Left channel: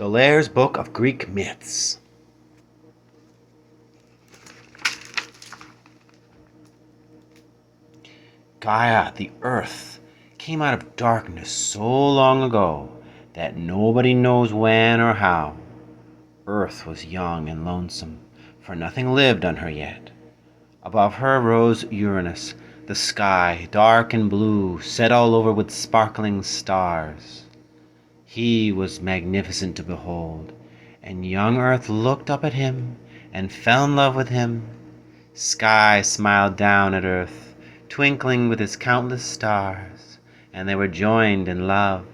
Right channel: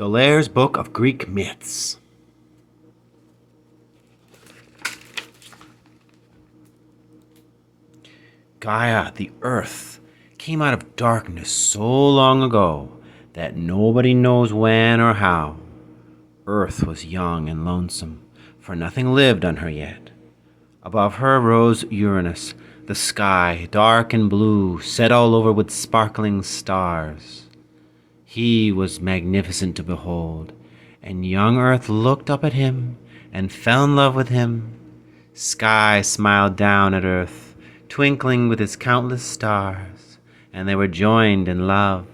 Aulaires' Book of Greek Myths. Gaia, the earth, came out of darkness so long ago that nobody knows when or how. Earth was young and lonesome, for nothing lived on her yet. Above her rose Uranus, the sky, dark and blue, set all over with sparkling stars. He was magnificent to behold, and young Earth looked up at him and fell in love with him. Sky smiled down at Earth, twinkling with its countless stars, and they were joined in love.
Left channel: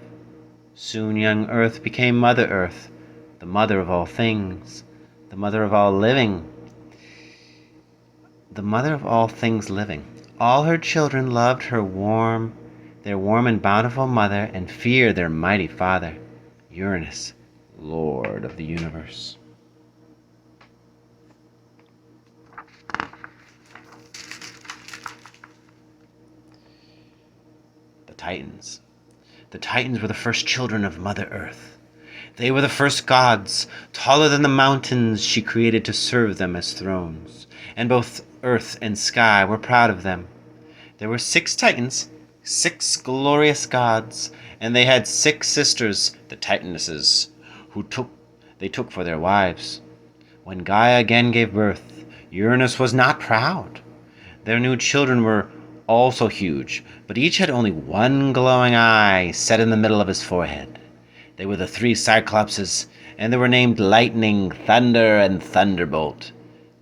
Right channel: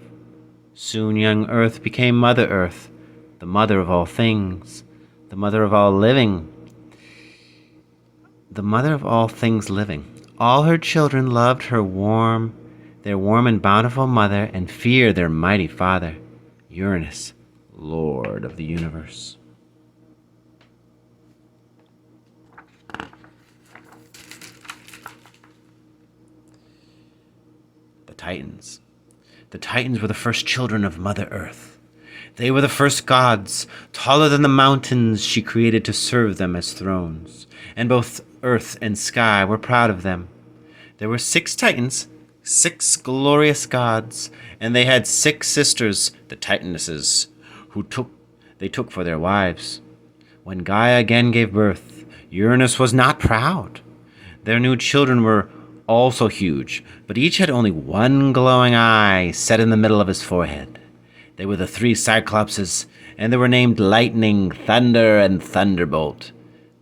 Soon young Earth became Mother Earth, the mother of all things, the mother of all living, the mother of all things living. All her children loved their warm and bountiful mother, and feared their mighty father, Uranus, Lord of the universe. The Titans. The Titans were the first children of Mother Earth. They were the first gods, taller than the mountains she created to serve them as thrones, and both earth and sky were proud of them. There were 6 Titans, 6 glorious gods, and they had 6 sisters, the Titanesses, who they took for their wives. When Gaia again gave birth, Uranus was not proud. Their new children were also huge, but each had only one glowing eye set in the middle of his forehead. They were the 3 Cyclopses, and they were named Lightning, Thunder, and Thunderbolt.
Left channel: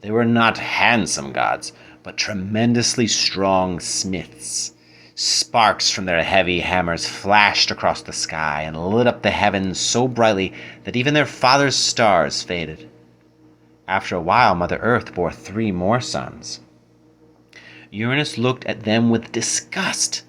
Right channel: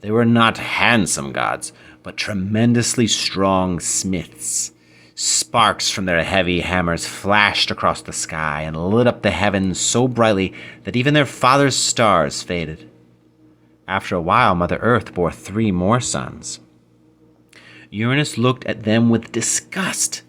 They were not handsome gods, but tremendously strong smiths. Sparks from their heavy hammers flashed across the sky and lit up the heavens so brightly that even their father's stars faded. After a while, Mother Earth bore 3 more sons. Uranus looked at them with disgust.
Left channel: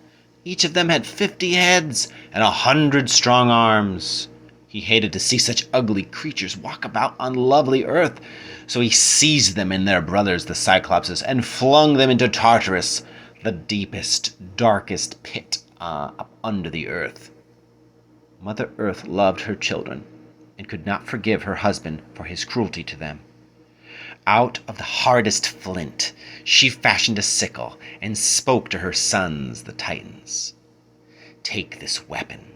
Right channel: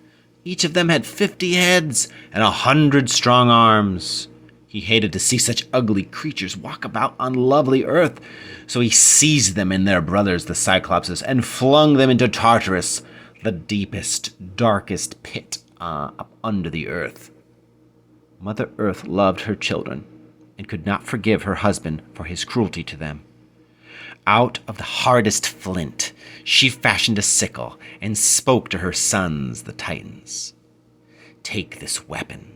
Each of them had 50 heads and 100 strong arms. He hated to see such ugly creatures walk about on lovely Earth, so he seized them and their brothers, the Cyclopses, and flung them into Tartarus, the deepest, darkest pit up under the earth. Mother Earth loved her children and could not forgive her husband for his cruelty to them. Out of the hardest flint, she fashioned a sickle and spoke to her sons, the Titans. "Take this weapon,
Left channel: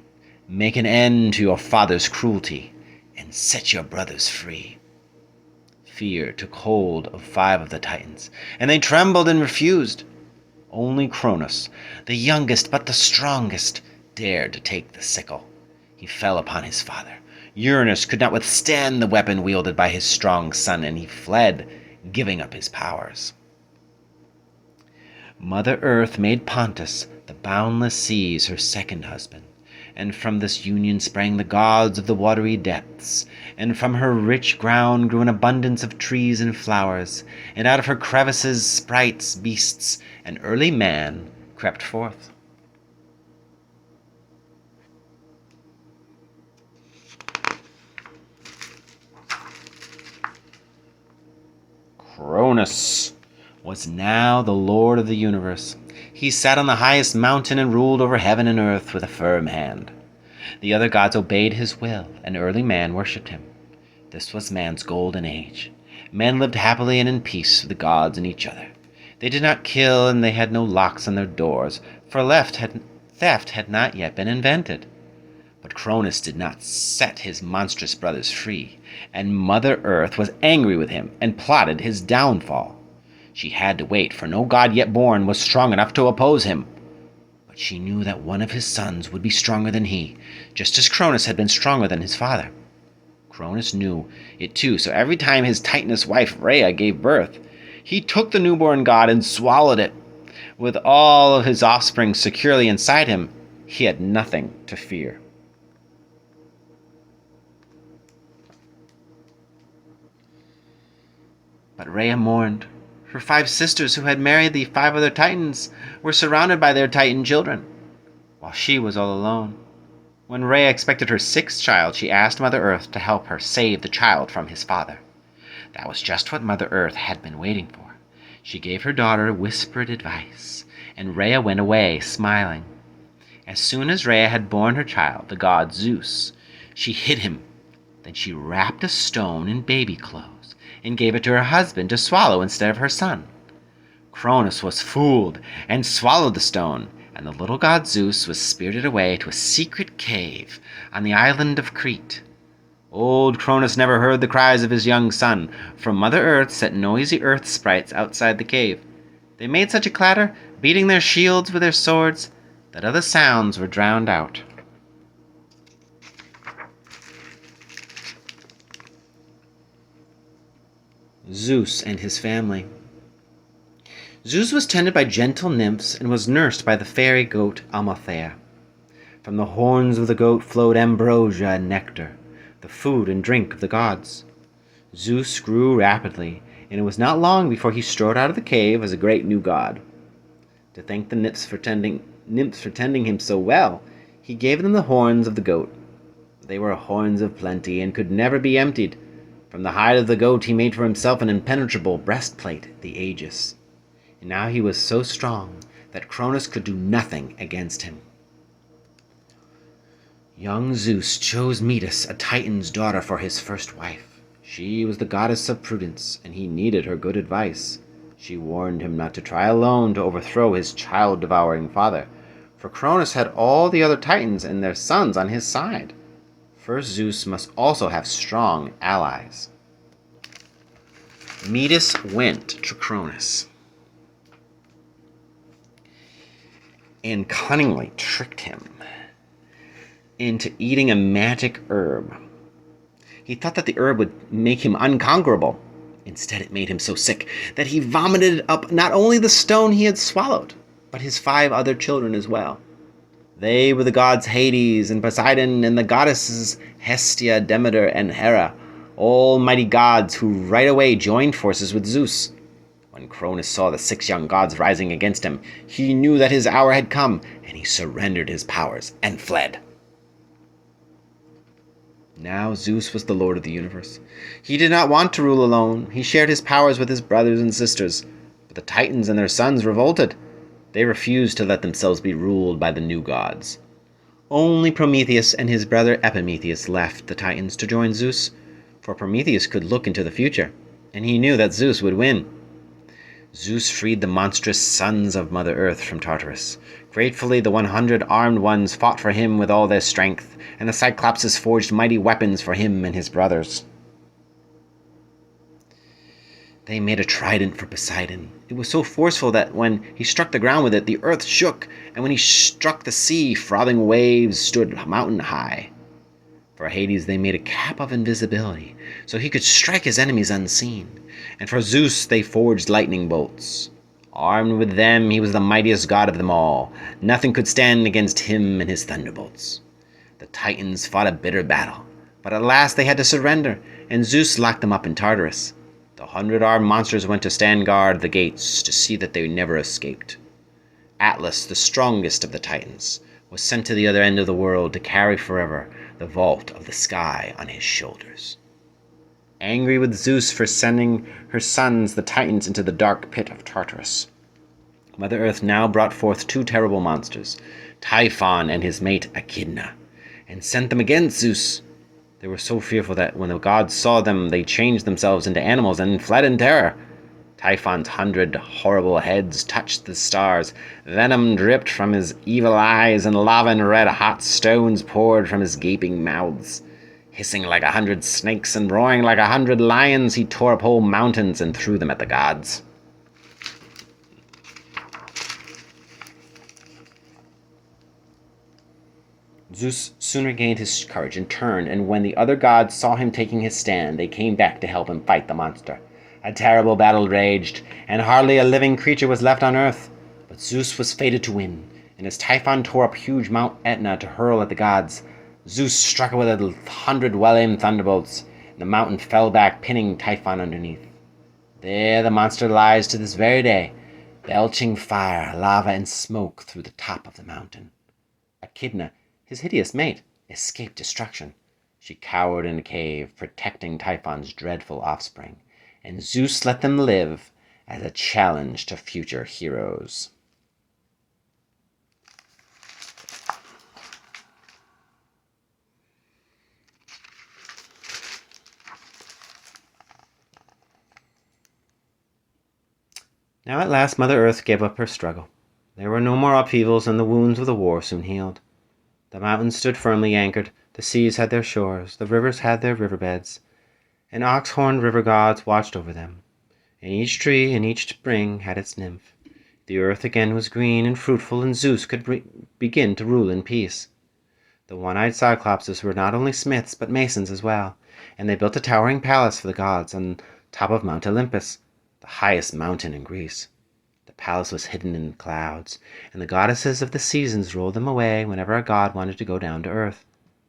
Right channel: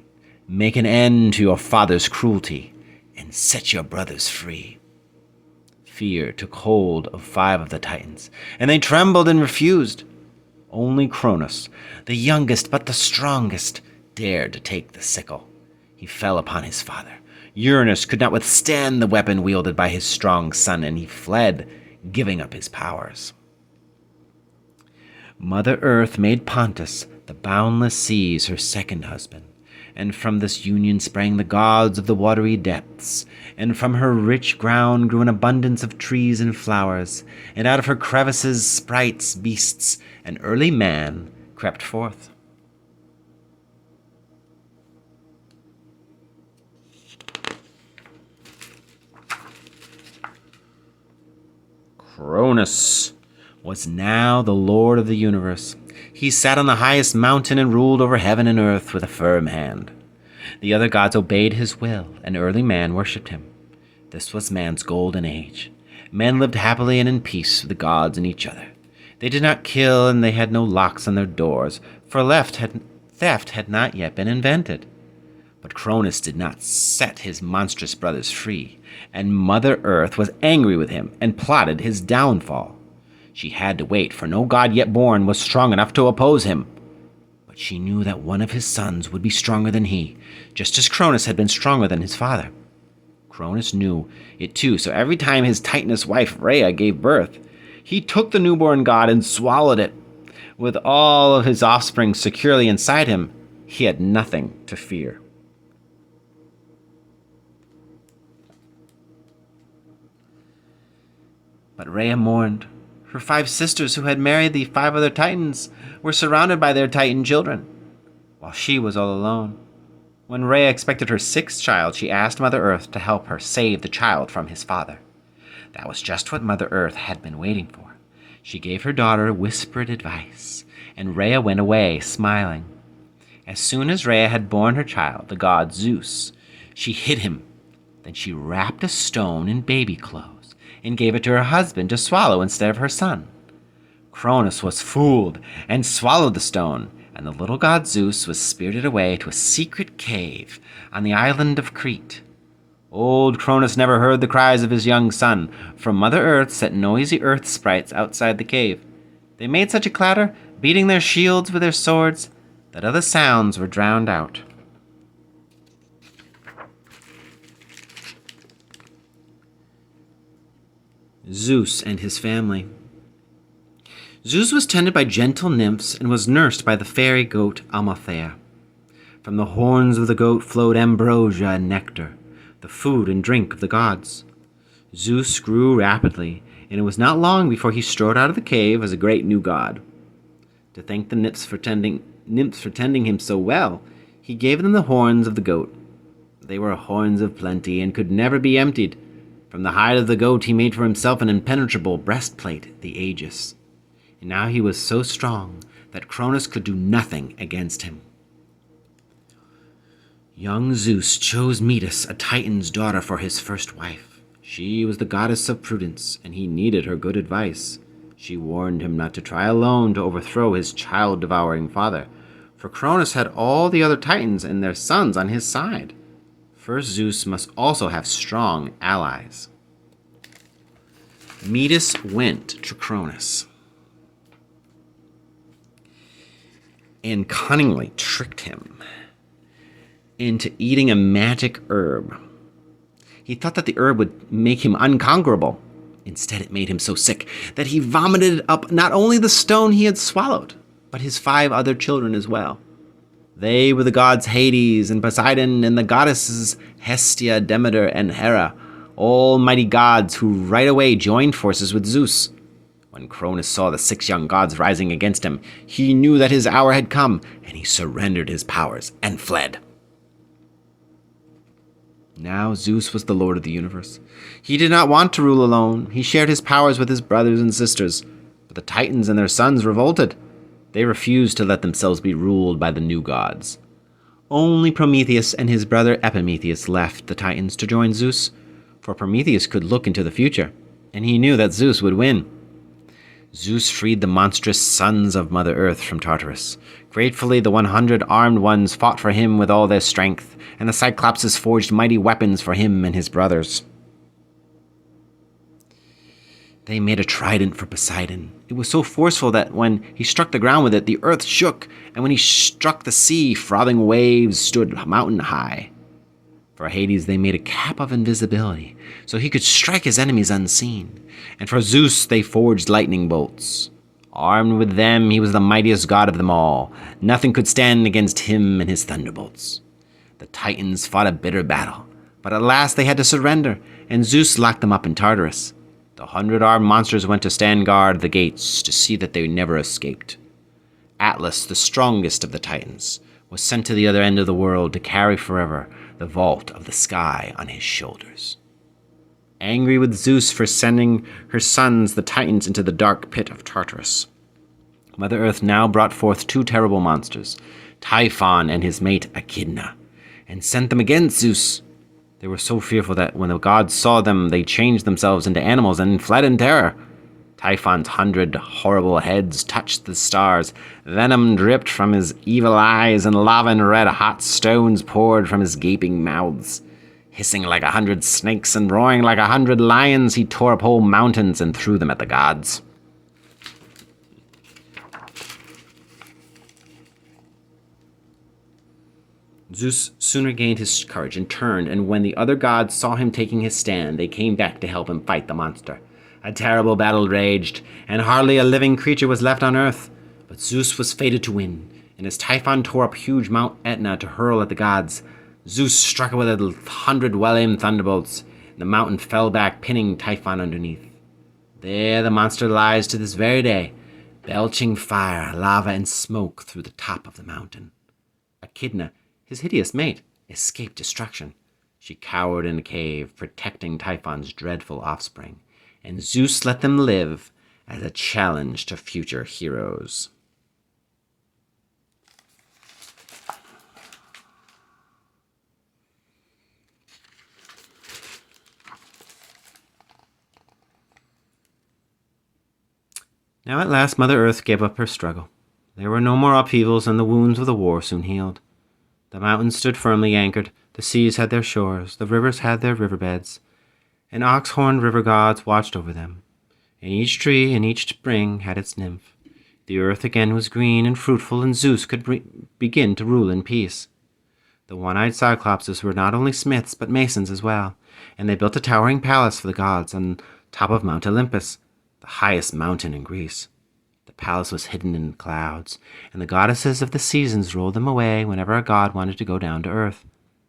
make an end to your father's cruelty, and set your brothers free." Fear took hold of 5 of the Titans, and they trembled and refused. Only Cronus, the youngest but the strongest, dared to take the sickle. He fell upon his father. Uranus could not withstand the weapon wielded by his strong son, and he fled, giving up his powers. Mother Earth made Pontus, the boundless seas, her second husband, and from this union sprang the gods of the watery depths, and from her rich ground grew an abundance of trees and flowers, and out of her crevices sprites, beasts, and early man crept forth. Cronus was now the lord of the universe. He sat on the highest mountain and ruled over heaven and earth with a firm hand. The other gods obeyed his will, and early man worshipped him. This was man's golden age. Men lived happily and in peace with the gods and each other. They did not kill, and they had no locks on their doors, for theft had not yet been invented. But Cronus did not set his monstrous brothers free, and Mother Earth was angry with him and plotted his downfall. She had to wait, for no god yet born was strong enough to oppose him. But she knew that one of his sons would be stronger than he, just as Cronus had been stronger than his father. Cronus knew it too, so every time his Titaness wife Rhea gave birth, he took the newborn god and swallowed it. With all of his offspring securely inside him, he had nothing to fear. But Rhea mourned. Her 5 sisters, who had married the 5 other Titans, were surrounded by their Titan children, while she was all alone. When Rhea expected her 6th child, she asked Mother Earth to help her save the child from his father. That was just what Mother Earth had been waiting for. She gave her daughter whispered advice, and Rhea went away, smiling. As soon as Rhea had borne her child, the god Zeus, she hid him Then she wrapped a stone in baby clothes and gave it to her husband to swallow instead of her son. Cronus was fooled and swallowed the stone, and the little god Zeus was spirited away to a secret cave on the island of Crete. Old Cronus never heard the cries of his young son, for Mother Earth set noisy earth sprites outside the cave. They made such a clatter, beating their shields with their swords, that other sounds were drowned out. Zeus and his family. Zeus was tended by gentle nymphs and was nursed by the fairy goat Amalthea. From the horns of the goat flowed ambrosia and nectar, the food and drink of the gods. Zeus grew rapidly, and it was not long before he strode out of the cave as a great new god. To thank the nymphs for tending him so well, he gave them the horns of the goat. They were horns of plenty and could never be emptied. From the hide of the goat he made for himself an impenetrable breastplate, the Aegis. And now he was so strong that Cronus could do nothing against him. Young Zeus chose Metis, a Titan's daughter, for his first wife. She was the goddess of prudence, and he needed her good advice. She warned him not to try alone to overthrow his child-devouring father, for Cronus had all the other Titans and their sons on his side. First, Zeus must also have strong allies. Metis went to Cronus and cunningly tricked him into eating a magic herb. He thought that the herb would make him unconquerable. Instead, it made him so sick that he vomited up not only the stone he had swallowed, but his 5 other children as well. They were the gods Hades and Poseidon and the goddesses Hestia, Demeter, and Hera, all mighty gods who right away joined forces with Zeus. When Cronus saw the 6 young gods rising against him, he knew that his hour had come, and he surrendered his powers and fled. Now Zeus was the lord of the universe. He did not want to rule alone. He shared his powers with his brothers and sisters, but the Titans and their sons revolted. They refused to let themselves be ruled by the new gods. Only Prometheus and his brother Epimetheus left the Titans to join Zeus, for Prometheus could look into the future, and he knew that Zeus would win. Zeus freed the monstrous sons of Mother Earth from Tartarus. Gratefully, the 100 armed ones fought for him with all their strength, and the Cyclopses forged mighty weapons for him and his brothers. They made a trident for Poseidon. It was so forceful that when he struck the ground with it, the earth shook, and when he struck the sea, frothing waves stood mountain high. For Hades they made a cap of invisibility, so he could strike his enemies unseen. And for Zeus they forged lightning bolts. Armed with them, he was the mightiest god of them all. Nothing could stand against him and his thunderbolts. The Titans fought a bitter battle, but at last they had to surrender, and Zeus locked them up in Tartarus. The 100 armed monsters went to stand guard at the gates to see that they never escaped. Atlas, the strongest of the Titans, was sent to the other end of the world to carry forever the vault of the sky on his shoulders. Angry with Zeus for sending her sons, the Titans, into the dark pit of Tartarus, Mother Earth now brought forth 2 terrible monsters, Typhon and his mate Echidna, and sent them against Zeus. They were so fearful that when the gods saw them, they changed themselves into animals and fled in terror. Typhon's 100 horrible heads touched the stars. Venom dripped from his evil eyes, and lava and red-hot stones poured from his gaping mouths. Hissing like 100 snakes and roaring like 100 lions, he tore up whole mountains and threw them at the gods. Zeus soon regained his courage and turned, and when the other gods saw him taking his stand, they came back to help him fight the monster. A terrible battle raged, and hardly a living creature was left on earth. But Zeus was fated to win, and as Typhon tore up huge Mount Etna to hurl at the gods, Zeus struck it with 100 well-aimed thunderbolts, and the mountain fell back, pinning Typhon underneath. There the monster lies to this very day, belching fire, lava, and smoke through the top of the mountain. Echidna, his hideous mate, escaped destruction. She cowered in a cave, protecting Typhon's dreadful offspring, and Zeus let them live as a challenge to future heroes. Now at last Mother Earth gave up her struggle. There were no more upheavals, and the wounds of the war soon healed. The mountains stood firmly anchored, the seas had their shores, the rivers had their riverbeds, and ox-horned river gods watched over them. And each tree and each spring had its nymph. The earth again was green and fruitful, and Zeus could begin to rule in peace. The one-eyed Cyclopses were not only smiths, but masons as well, and they built a towering palace for the gods on top of Mount Olympus, the highest mountain in Greece. The palace was hidden in clouds, and the goddesses of the seasons rolled them away whenever a god wanted to go down to earth.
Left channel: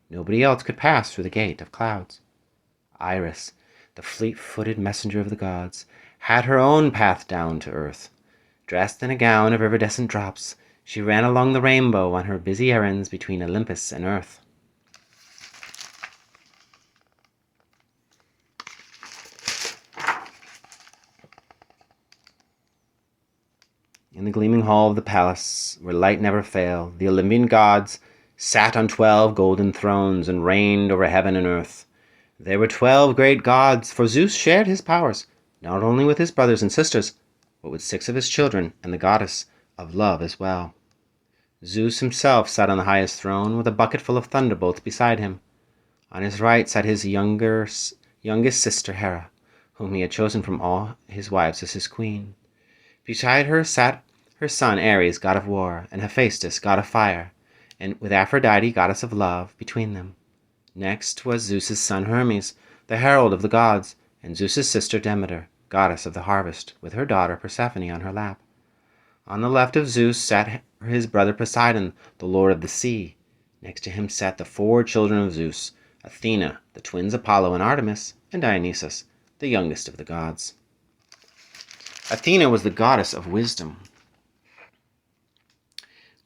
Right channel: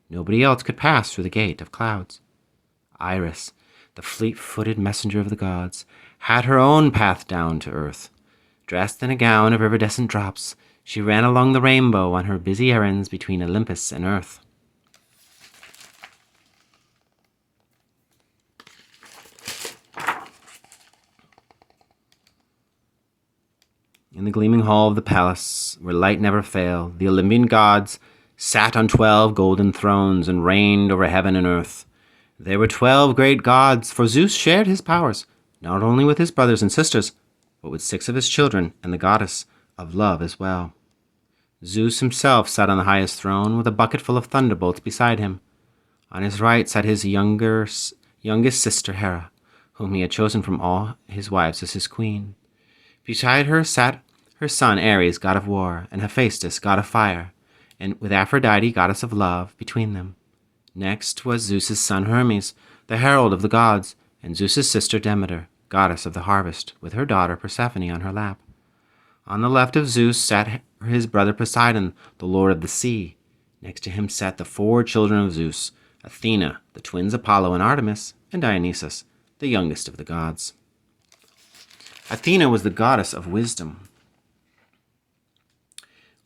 Nobody else could pass through the gate of clouds. Iris, the fleet-footed messenger of the gods, had her own path down to earth. Dressed in a gown of iridescent drops, she ran along the rainbow on her busy errands between Olympus and earth. In the gleaming hall of the palace, where light never failed, the Olympian gods sat on 12 golden thrones and reigned over heaven and earth. There were 12 great gods, for Zeus shared his powers, not only with his brothers and sisters, but with 6 of his children and the goddess of love as well. Zeus himself sat on the highest throne, with a bucket full of thunderbolts beside him. On his right sat his youngest sister Hera, whom he had chosen from all his wives as his queen. Beside her sat her son Ares, god of war, and Hephaestus, god of fire, and with Aphrodite, goddess of love, between them. Next was Zeus's son Hermes, the herald of the gods, and Zeus's sister Demeter, goddess of the harvest, with her daughter Persephone on her lap. On the left of Zeus sat his brother Poseidon, the lord of the sea. Next to him sat the 4 children of Zeus, Athena, the twins Apollo and Artemis, and Dionysus, the youngest of the gods. Athena was the goddess of wisdom,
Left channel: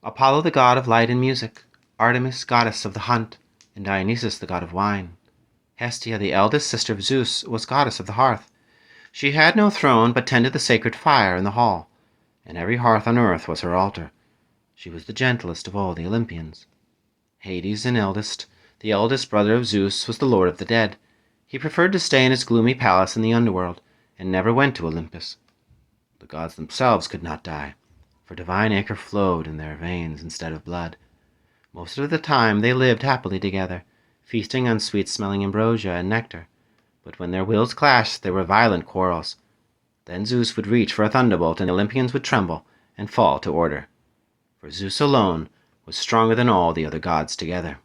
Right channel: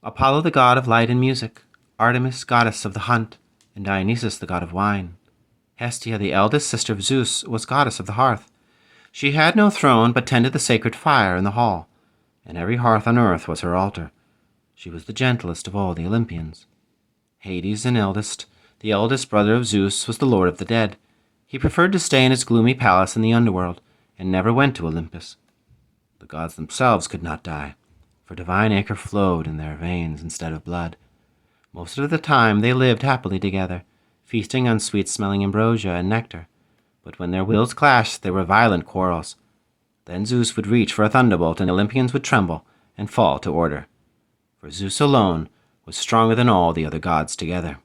Apollo the god of light and music, Artemis goddess of the hunt, and Dionysus the god of wine. Hestia, the eldest sister of Zeus, was goddess of the hearth. She had no throne, but tended the sacred fire in the hall, and every hearth on earth was her altar. She was the gentlest of all the Olympians. Hades, the eldest brother of Zeus, was the lord of the dead. He preferred to stay in his gloomy palace in the underworld, and never went to Olympus. The gods themselves could not die, for divine ichor flowed in their veins instead of blood. Most of the time they lived happily together, feasting on sweet-smelling ambrosia and nectar. But when their wills clashed, there were violent quarrels. Then Zeus would reach for a thunderbolt, and the Olympians would tremble and fall to order. For Zeus alone was stronger than all the other gods together.